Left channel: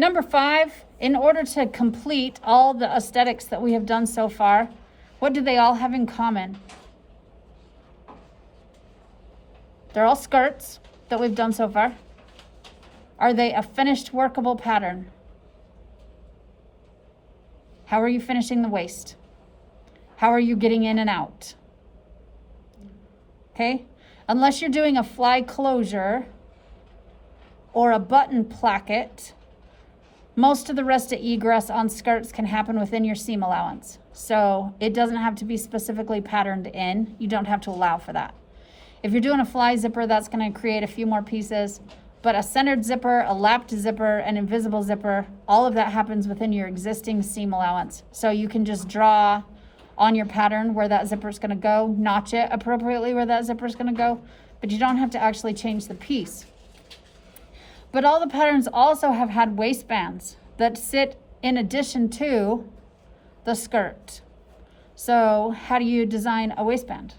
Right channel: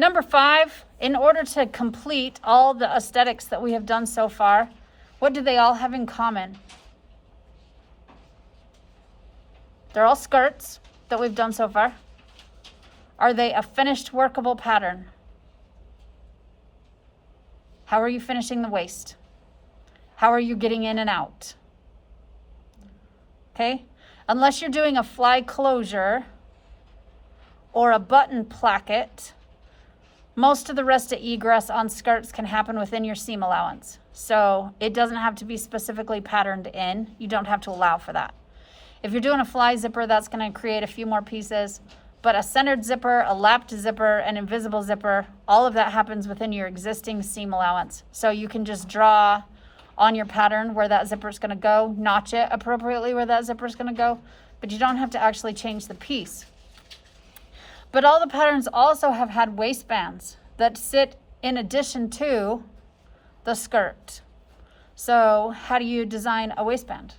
Number 5, in order to complete all the aesthetics that we have done so far, what do they all have in common? They're all skirts that we've done so far. Are they a finished workable pattern? How are you finishing the waist? How are you getting in and out? Okay, unless you're doing a fly closure or a button placket, most of the rest of egress on skirts can happen within your seam allowance. So it doesn't have to be specifically patterned in. You don't have to allow for that. If you're doing a fly zipper, that's going to create a few more pieces. But a centered zipper, a lapped zipper, an invisible zipper, all of that happens within your existing seam allowance. So you can just draw on your pattern where that zipper is going to go, notch it appropriately where that zipper is going to go, but you don't have to actually change the piece. But all the patterns also have had waistbands that sit in addition to the skirt. So how do you design a waistband?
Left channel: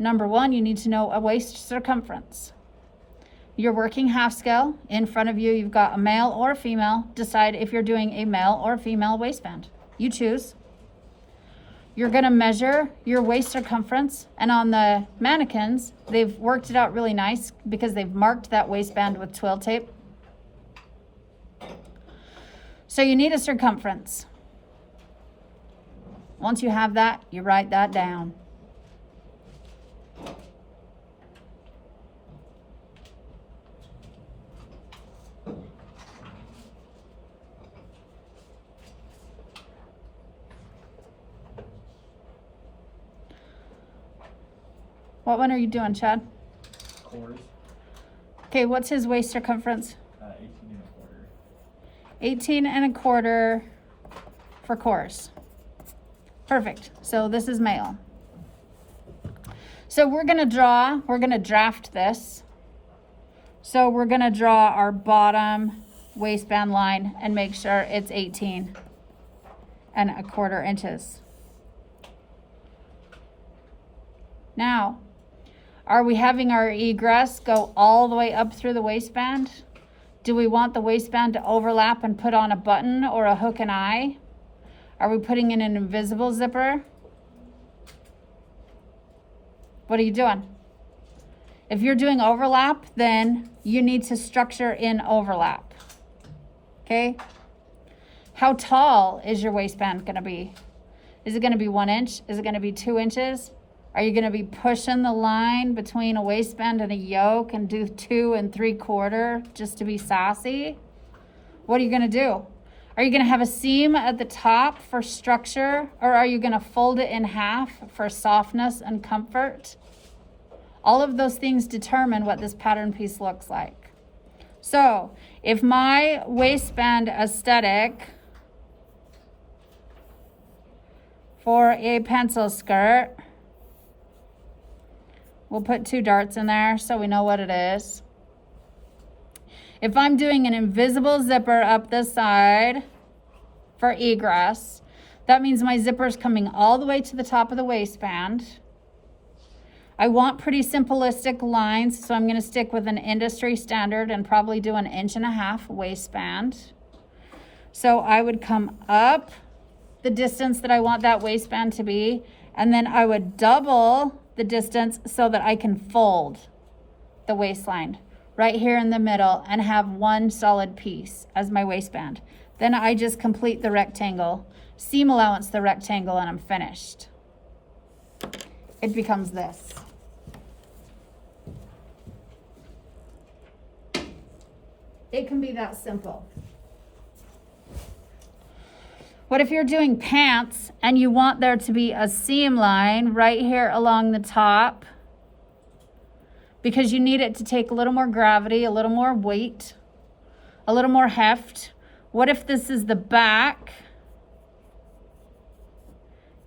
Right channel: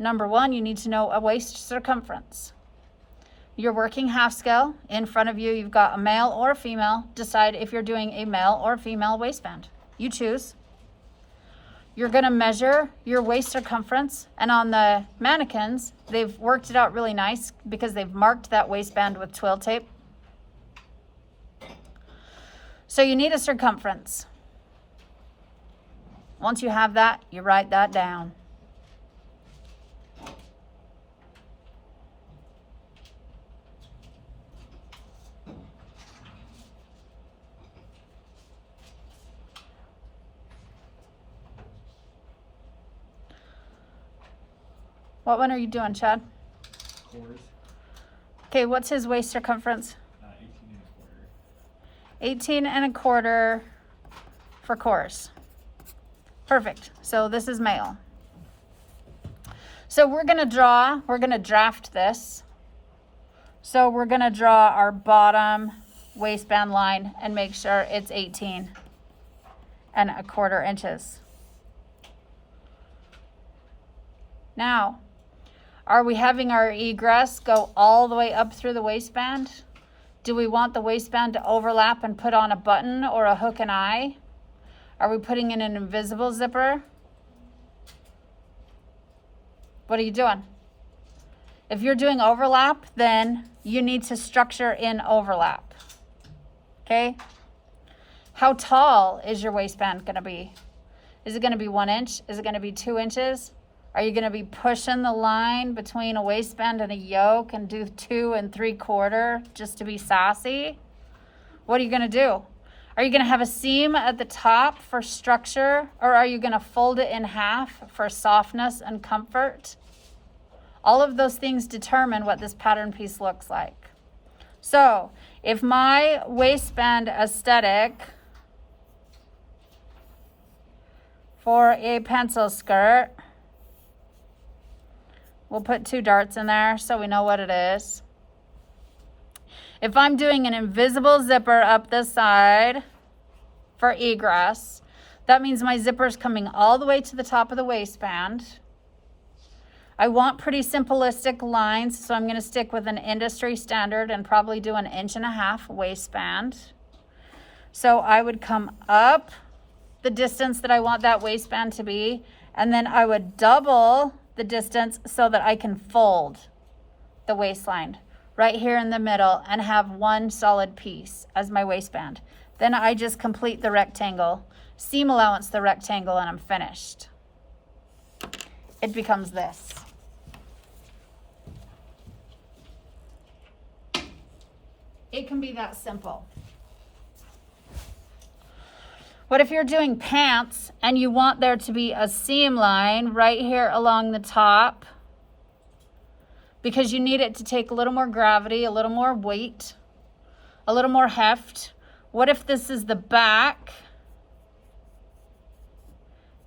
Number 1, you need to know a waist circumference. You're working half scale. In front of you, you've got a male or a female. Decide if you're doing a male or female waistband. You choose. You're gonna measure your waist circumference, and on the mannequins, they've worked it out really nice because they've marked that waistband with twill tape. So you need a circumference. Once you have that, you write that down. What one are you doing, Chad? Cores. Okay, what's his waist circumference? 18 and a quarter. 18 and a quarter for cores. Perfect. So this is male. So we're going to draft this. So we're going to draw our bottom waistband line and make sure it's 18 and a quarter inches. Now, are we having our egress go all the way up through the waistband? Do we want the waistband to overlap and put on a button or a hook and eye? Are we putting in an invisible zipper? What are you doing? If you're doing overlap, then you need to structure in overlap. Okay? How tall is your waistband going to be? Is it going to be 1 inch? Is it going to be 2 inches? Are you going to be pushing the line between a waistband and a yoke and do 2 3/4 just to be sassy? What are you going to do? Are you going to have a seam at the top for structure, or are you going to fold it in half for softness and comfort? All of those things determine what this pattern piece looks like. So if my waistband aesthetic for a pencil skirt, we'll put 2 darts in there so we know what it is. If I'm doing an invisible zipper up the side for egress, that means my zipper is coming all the way to the top of the waistband. I want pretty simplistic lines, so I'm going to stick with an industry standard and probably do 1.5 inch waistband. So I would come up the distance that I want that waistband to be, and then I would double the distance so that I can fold the waistline right here in the middle and have one solid piece as my waistband. Then I just complete the rectangle, seam allowance the rectangle, and I'm finished. It becomes this. It can be that simple. What if you're doing pants and you want there to be a seam line right here along the top because you need it to take a little more gravity, a little more weight, a little more heft? What if this is the back?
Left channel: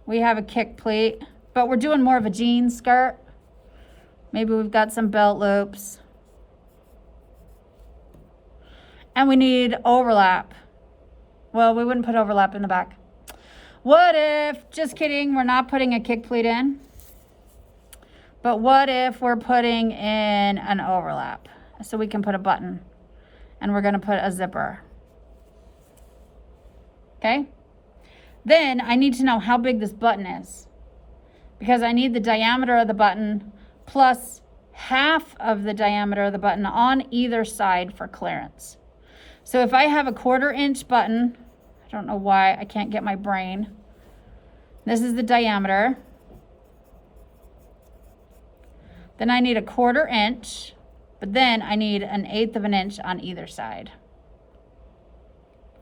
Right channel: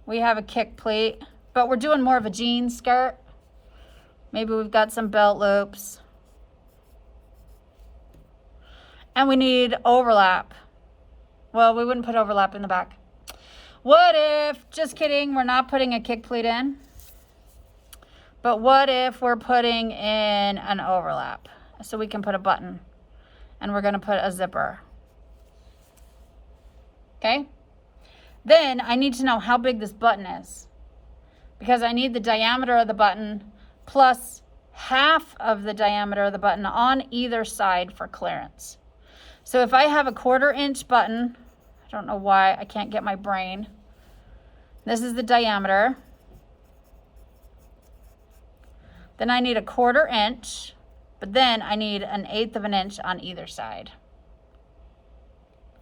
We have a kick pleat, but we're doing more of a jean skirt. Maybe we've got some belt loops. And we need overlap. Well, we wouldn't put overlap in the back. What if, just kidding, we're not putting a kick pleat in. But what if we're putting in an overlap? So we can put a button and we're going to put a zipper. Okay? Then I need to know how big this button is, because I need the diameter of the button plus half of the diameter of the button on either side for clearance. So if I have a 1/4 inch button, I don't know why I can't get my brain. This is the diameter. Then I need a 1/4 inch, but then I need 1/8 of an inch on either side.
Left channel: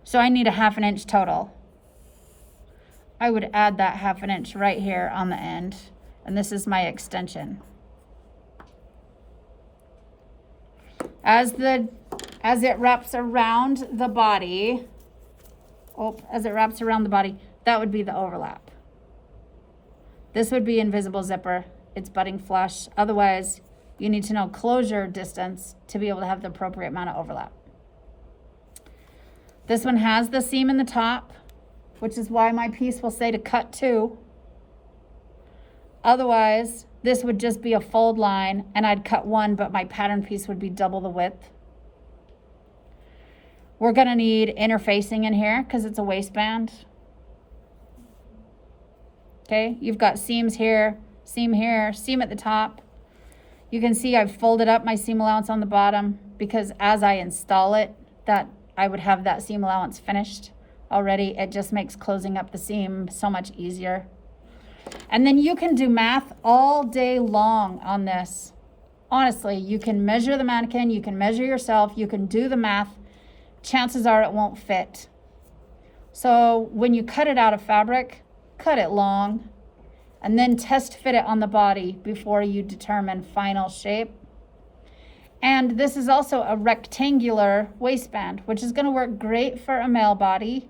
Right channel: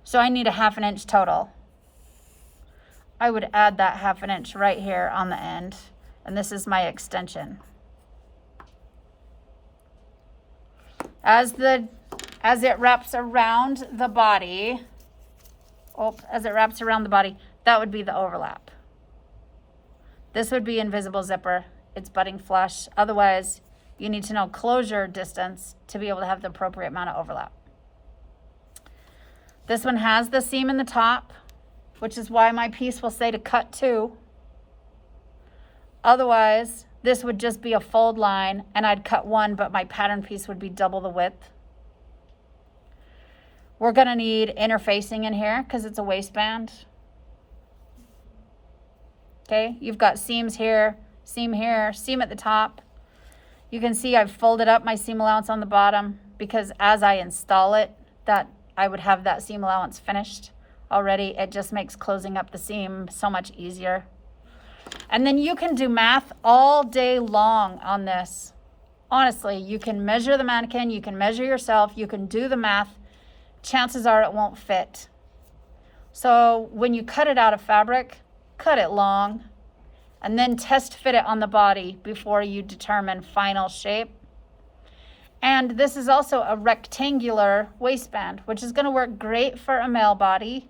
So I need a 1/2 inch total. I would add that 1/2 inch right here on the end, and this is my extension. As it wraps around the body, that would be the overlap. This would be invisible zipper. It's butting flush. Otherwise, you need to know closure distance to be able to have the appropriate amount of overlap. This one has the seam in the top, which is why my piece will say to cut 2. Otherwise, this would just be a fold line and I'd cut 1, but my pattern piece would be double the width. We're gonna need interfacing in here because it's a waistband. Okay, you've got seams here, seam at the top. You can see I've folded up my seam allowance on the bottom because as I install it, that I would have that seam allowance finished already. It just makes closing up the seam so much easier. And then you can do math all day long on this. Honestly, you can measure the mannequin, you can measure yourself, you can do the math. Chances are it won't fit. So when you cut it out of fabric, cut it long, and then test fit it on the body before you determine final shape. And this is also a rectangular waistband, which is going to work great for a male body,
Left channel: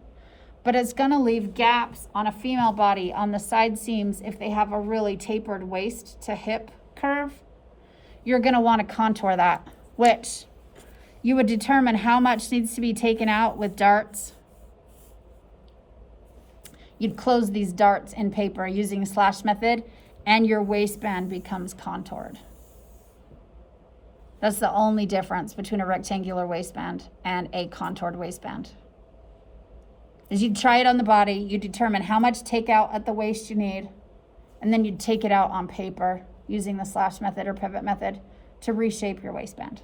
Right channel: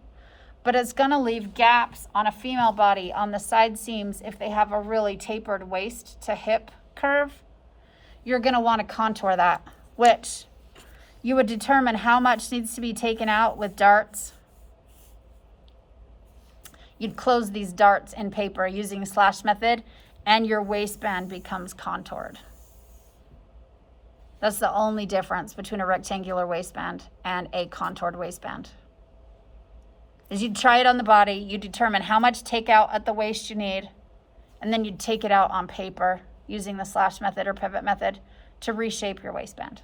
but it's going to leave gaps on a female body on the side seams if they have a really tapered waist to hip curve. You're going to want to contour that, which you would determine how much needs to be taken out with darts. You'd close these darts in paper using slash method, and your waistband becomes contoured. That's the only difference between a rectangular waistband and a contoured waistband. Is you'd try it on the body, you determine how much takeout at the waist you need, and then you'd take it out on paper using the slash method or pivot method to reshape your waistband.